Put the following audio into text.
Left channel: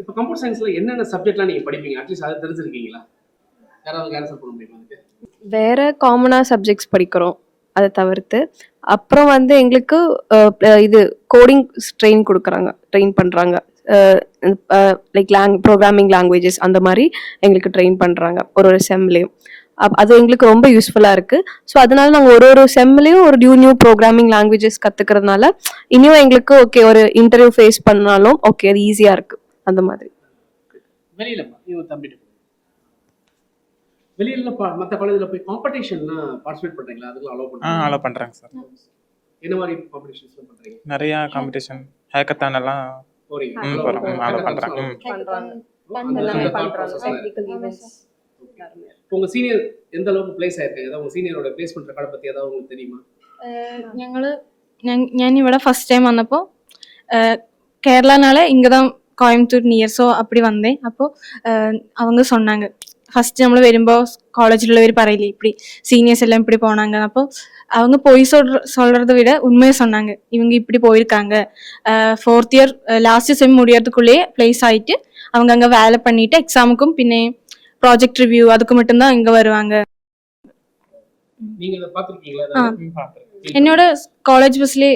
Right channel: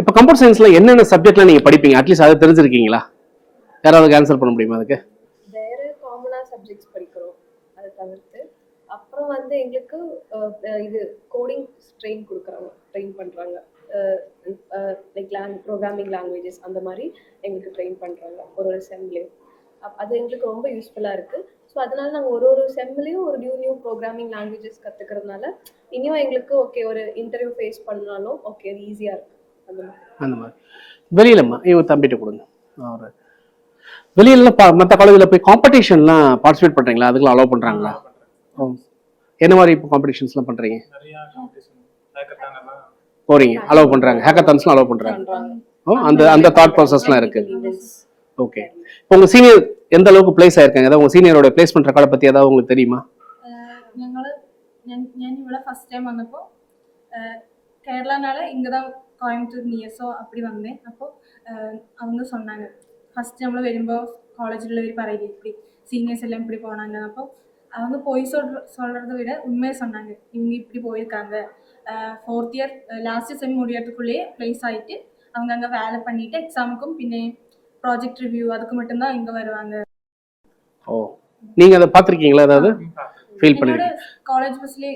இப்போ கம்ப்யூட்டர் சயின்ஸ்ல என்னென்ன சப்ஜெக்ட்லாம் நீங்க படிப்பீங்க? அட்லீஸ்ட் அதை தெரிஞ்சிருக்கீங்களா? யாராவது ஆன்சர் பண்ண முடியுமா அதுக்கு? வேற காமனா சப்ஜெக்ட்ஸ் படிக்கிறோம் அதை தவிர்த்து. அப்புறம் வந்து எங்களுக்கு இது கோடிங் ட்ரெயின் பண்றாங்க. லைக் ப்ரோக்ராமிங் லாங்குவேஜஸ் அந்த மாதிரி எங்களுக்கு ட்ரெயின் பண்றாங்க ஒரு செம்லையும். அது எங்களுக்கு ரொம்ப யூஸ்ஃபுல்லா இருக்கு. ஸோ அதனால நாங்கள் ஒரு செம்லையும் ஒரு நியூ ப்ரோக்ராமிங் லாங்குவேஜஸ் கத்துக்கிறதுனால இனியும் எங்களுக்கு ஓகே ஒரு இன்டர்வியூ ஃபேஸ் பண்ணாலும் ஓகே அது ஈஸியா இருக்கு அந்த மாதிரி. வெளியிலம்மா இவங்க தம்பிட்டு கொடுங்க. வெளியில மற்ற காலேஜ்ல போய் காம்படிஷன்லாம் பார்ட்டிசிபேட் பண்றீங்களா? அதுக்கெல்லாம் அலோவ் பண்றாங்க? அலோவ் பண்றாங்க சார். என்ன மாதிரி இப்போ காம்படிஷன்ஸ்லாம் பண்றீங்க? நிறைய காம்படிஷன் ஹேக்கத்தான் எல்லாம் போறீங்க, அலோவ் பண்றாங்க. ஹேக்கத்தான்ஸ்லாம் அலோவ் பண்றாங்க. அந்த தாட் ப்ராசஸ்லாம் இருக்கு. ஓகே. இப்போ உங்க சீனியர் எந்த அளவுக்கு பிளேஸ் ஆயிருக்காங்க? ஏதாவது உங்க സീനിയറോட പ്ലേസ്മെന്റ് റെക്കോർഡ് പറ്റി ഏதாவது உங்களுக்கு தெரியுமா? ഞാൻ ഇവിടെ ஃபர்ஸ்ட் டைம் வந்தப்போ கேரளானால இங்கே தான் கோயம்புத்தூர் நியர், ஸோ அப்படி வந்தேன். அப்போ அவங்க சொன்னாங்க ஃபர்ஸ்ட் നമ്മൾ വരുമ്പോൾ காலேஜில் പറയില്ലേ இப்படி சீனியர்ஸ் எல்லாம் இப்படி போனாங்க. அப்போ அவங்க போய் சொல்றதை விட உண்மையை சொன்னாங்க. இவங்க இப்படி போயிருக்காங்க, 4th இயர் லாஸ்ட் செம் முடியறதுக்குள்ளேயே பிளேஸ் ஆயிட்டு அவங்க அங்கே வேலை பண்ணிட்டு எக்ஸாமுக்கும் பின்னே ப்ராஜெக்ட் ரிவ்யூ அதுக்கு மட்டும்தான் இங்க வருவாங்க. ஓ, நீங்க அதை பார்த்திருக்கீங்களா? அதாவது என்னோட காலேஜ் பஸ்லயே